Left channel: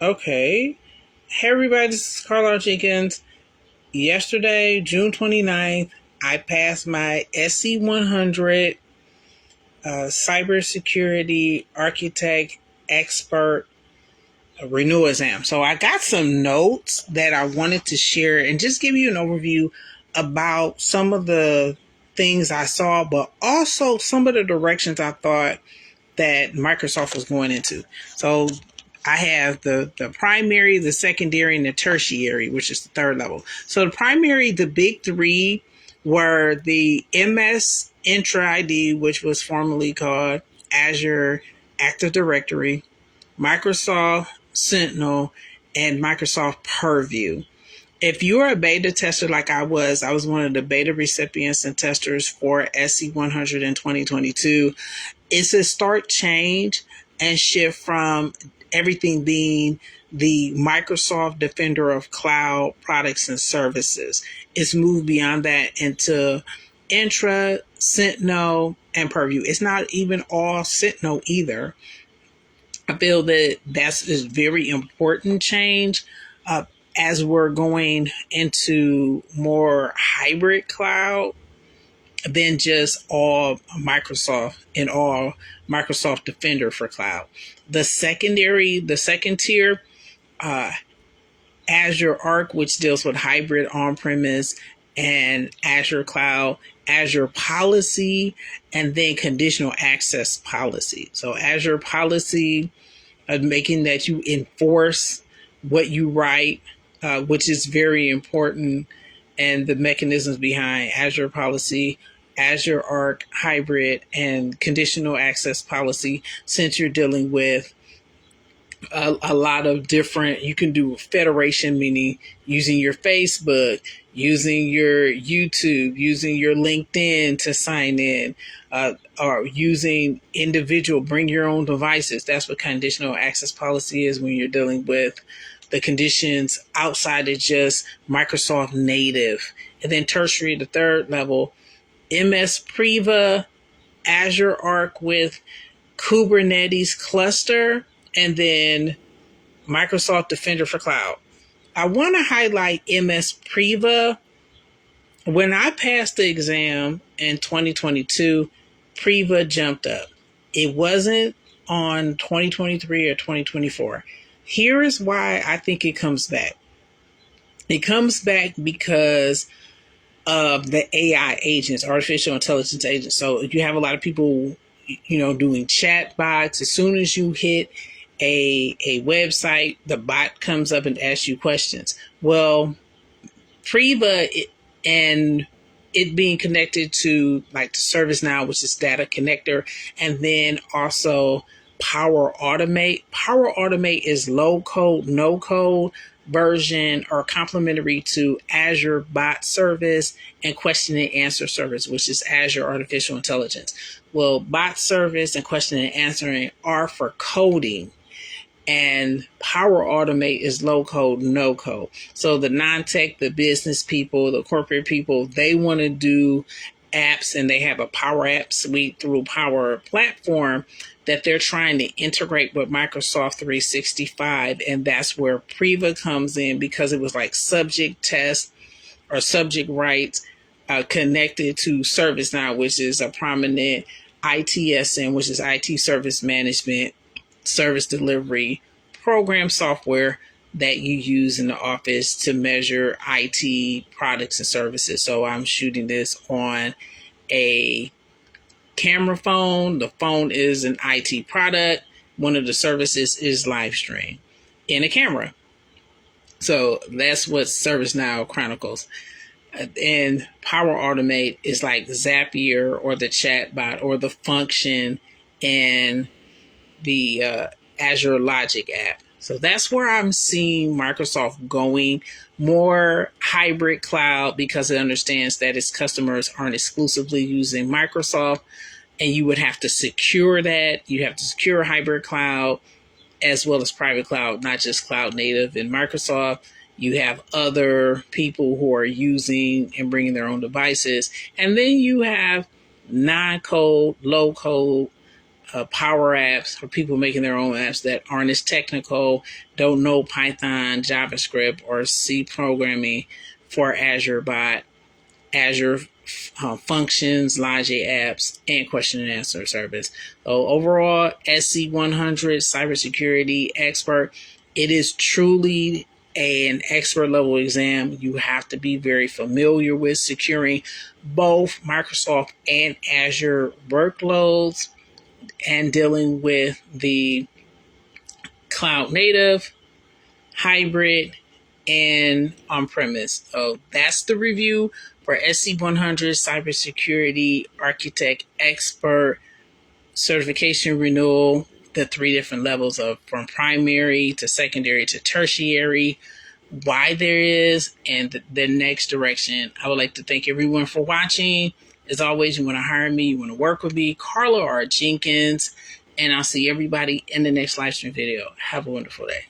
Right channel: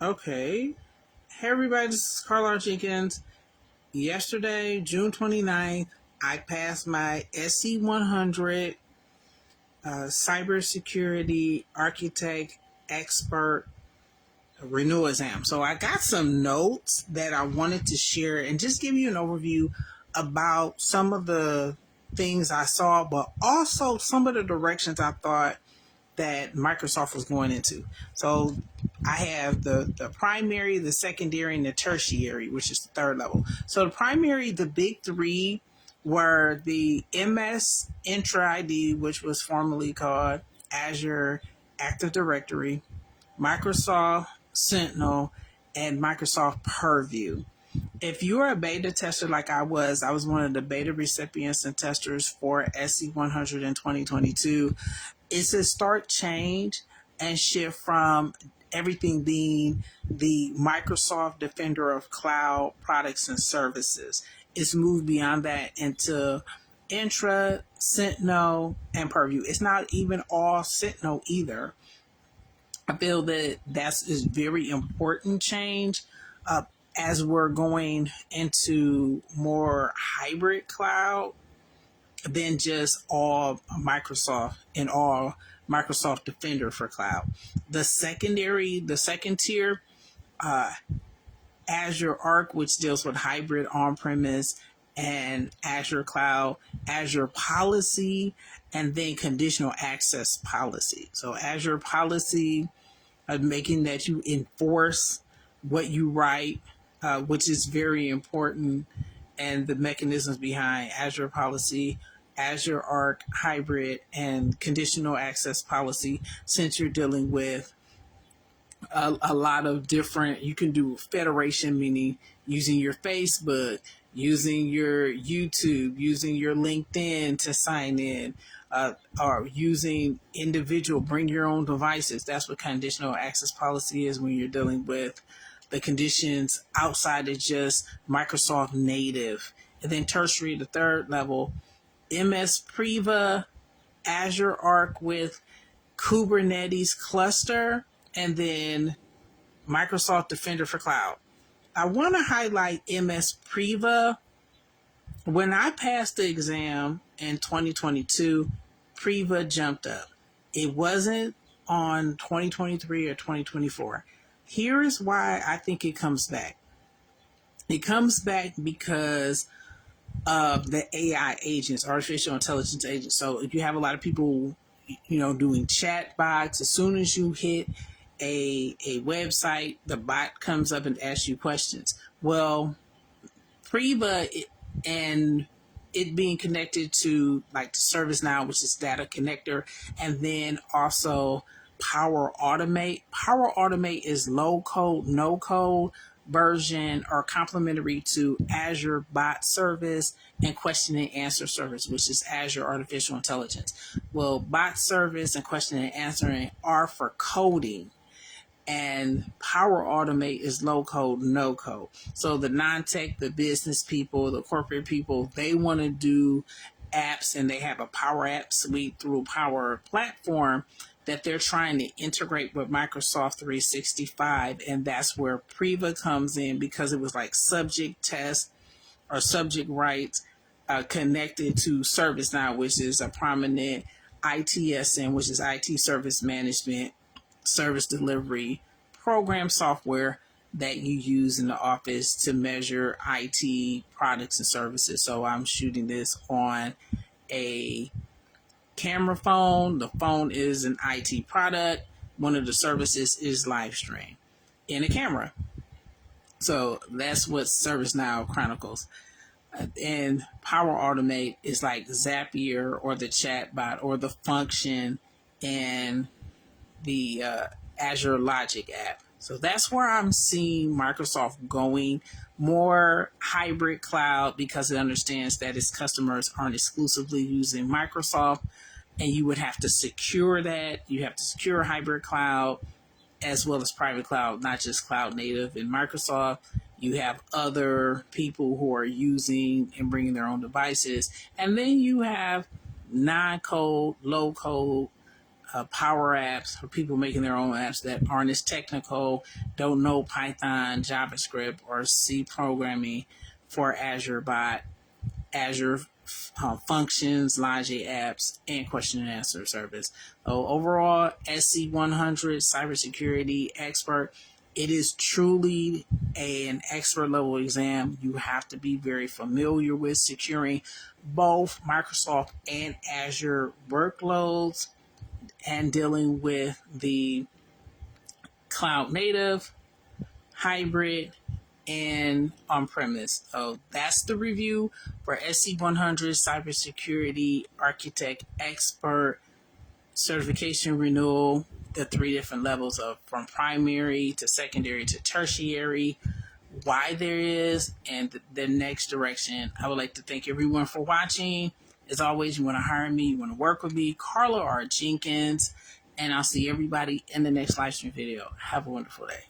Okay. Hey everybody, this is Carl Jenkins. Yesterday, June 29th, I passed my SC-100 Cybersecurity Architect Expert Renewal exam. So I got some notes that I wanted to share and just give you an overview about some of the things I saw, but also some of the directions I thought that Microsoft was going into. So I have the primary, the secondary, and the tertiary, which is the third level. So the primary, the big three were the MS Intra ID, which was formerly called Azure Active Directory, Microsoft Sentinel, and Microsoft Purview. If you're a beta tester like I was one of the beta recipients and testers for SC-100 in 2022. It's a stark change and shift from everything being the Microsoft Defender of cloud products and services. It's moved beyond that into Intra, Sentinel, and Purview. It's not even all Sentinel either. I feel that that's a very important change as we're going into more hybrid cloud than just all Microsoft and all Microsoft Defender for cloud. The second tier, uh, Azure Arc, which deals with hybrid on-premise and Azure Cloud, Azure Policy, and then conditional access policy. So Azure Policy, making that you enforce what you write, which is very important, and the mechanisms behind Azure Policy, Azure Arc Hybrid, and conditional access policy, since you're dealing with a lot of different, you can do federation, meaning using your Facebook, using your YouTube, using your LinkedIn to sign in, or using individual, bring your own devices. That's what conditional access policy is when you're dealing with the conditions outside of just Microsoft native. And then tertiary, the third level, MS Priva, Azure Arc with Kubernetes cluster, and then Microsoft Defender for cloud. I want to highlight MS Priva. When I passed the exam in 2022, Priva jumped up. It wasn't on 2023 or 2024. Here is why I think it comes back. It comes back because of the AI agents, artificial intelligence agents. So if you have a lot of people, doing chat bots, as soon as you hit a website, the bot comes up and asks you questions. Well, Priva and it being connected to like the ServiceNow, which is data connector, and then also Power Automate. Power Automate is low code, no code version or complementary to Azure Bot Service and Question and Answer Service, which is Azure Artificial Intelligence. Well, Bot Service and Question and Answering are for coding, and Power Automate is low code, no code. So the non-tech, the business people, the corporate people, they want to do apps, and they have a Power App suite through Power Platform that they're trying to integrate with Microsoft 365. And that's where Priva comes in, because it was like subject test or subject rights connected to ServiceNow, which is a prominent ITSM, which is IT service management, service delivery program software that you use in the office to measure IT products and services. So I'm shooting this on a camera phone. The phone is an IT product. One of the services is live stream in a camera. So that's what ServiceNow chronicles. And Power Automate is like Zapier or the chatbot or the function in the Azure Logic app. So that's where I'm seeing Microsoft going, more hybrid cloud, because it understands that its customers aren't exclusively using Microsoft, and you would have to secure that. You have to secure hybrid cloud as well as private cloud, not just cloud native in Microsoft. You have other people who are using and bringing their own devices. And then you have non-code, low-code power apps for people making their own apps that aren't as technical, don't know Python, JavaScript, or C programming for Azure Bot, Azure Functions, Logic Apps, and question and answer service. So overall, SC-100 Cybersecurity Expert, it is truly an expert level exam. You have to be very familiar with securing both Microsoft and Azure workloads and dealing with the cloud native, hybrid, and on-premise. So that's the review for SC-100 Cybersecurity Architect Expert Certification Renewal, the 3 different levels of from primary to secondary to tertiary, why there is, and the next direction. I would like to thank everyone for watching. As always, you want to hire me, you want to work with me, Carla or Jenkins, and I'll see everybody in the next live stream video. Have a wonderful day.